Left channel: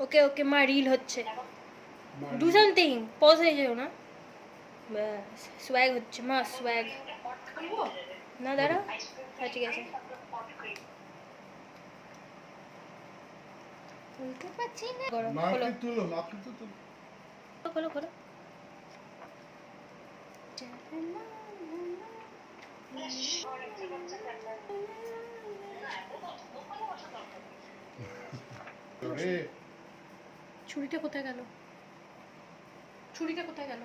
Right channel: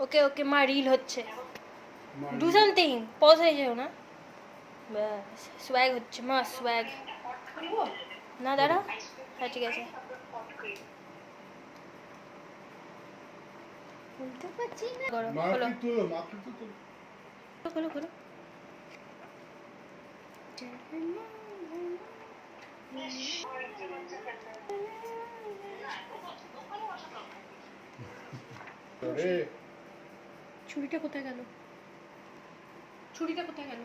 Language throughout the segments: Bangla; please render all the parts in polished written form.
ওকে ওকে মা রিল হচ্ছে ডু সামথিং পজ হয়ে যাও না ব্যাস সোয়াগ হচ্ছে মা সোয়াগ না দাঁড়া হ্যাঁ ঠিক আছে খোলো খোলো ছুরিটা কোথায় গেল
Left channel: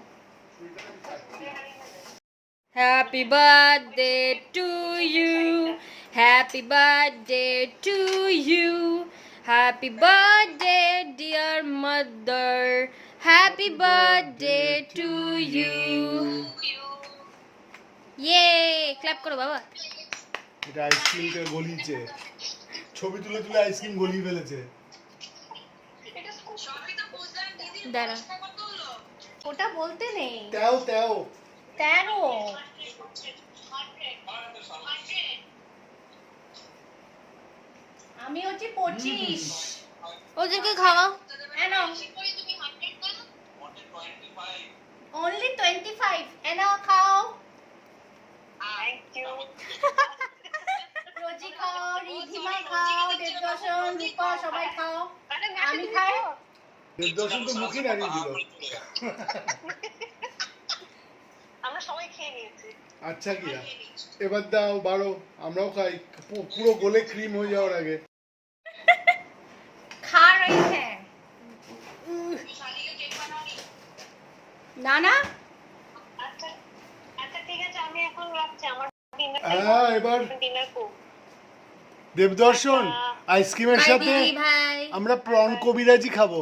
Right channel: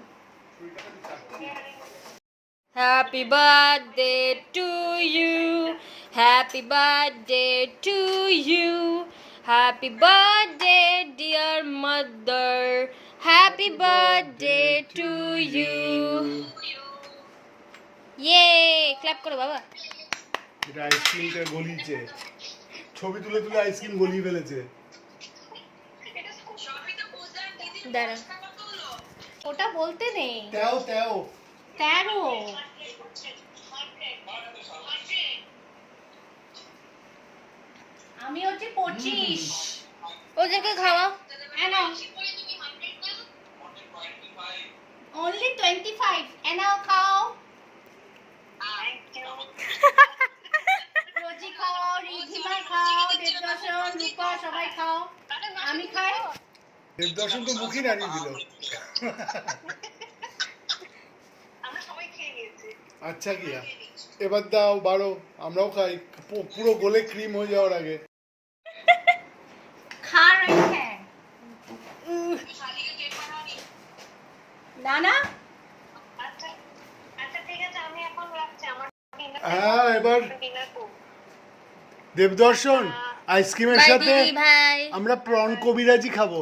happy birthday to you happy birthday to you happy birthday dear mother happy birthday to you ইয়ে ক্ল্যাপ করো বাবা এটা আইসক্রিমটা গলিয়েছে ছবি তুলে তুলে আইসক্রিম গলিয়ে ফেলেছে দাঁড়া ওটা বলতে নেই তেও তেও 13 আমি হচ্ছে 25 ওদেরকে খাওয়াও only 25 এনাও খাও রোজি খাও রিধিমা খাও দেবদর্শন রূপা সবাই খাও আমি খাই দেবদর্শন তো মুখই নাড়িয়ে দিল আমরা সবাই খেয়ে নিয়েছি আচ্ছা কি এবার দাও বারো আমরাও খাই পুরো গোলে ক্রিম হয়ে যাওয়ার আগে खा रहे हैं ना ना আচ্ছা আচ্ছা ঠিক আছে আমি এখন রাখছি আমার হ্যাঁ এবার ডিনার করব দেবদর্শন আইসক্রিমের बाय সাথে दीदी भाई আমরা প্রন কবিরাজি খাবো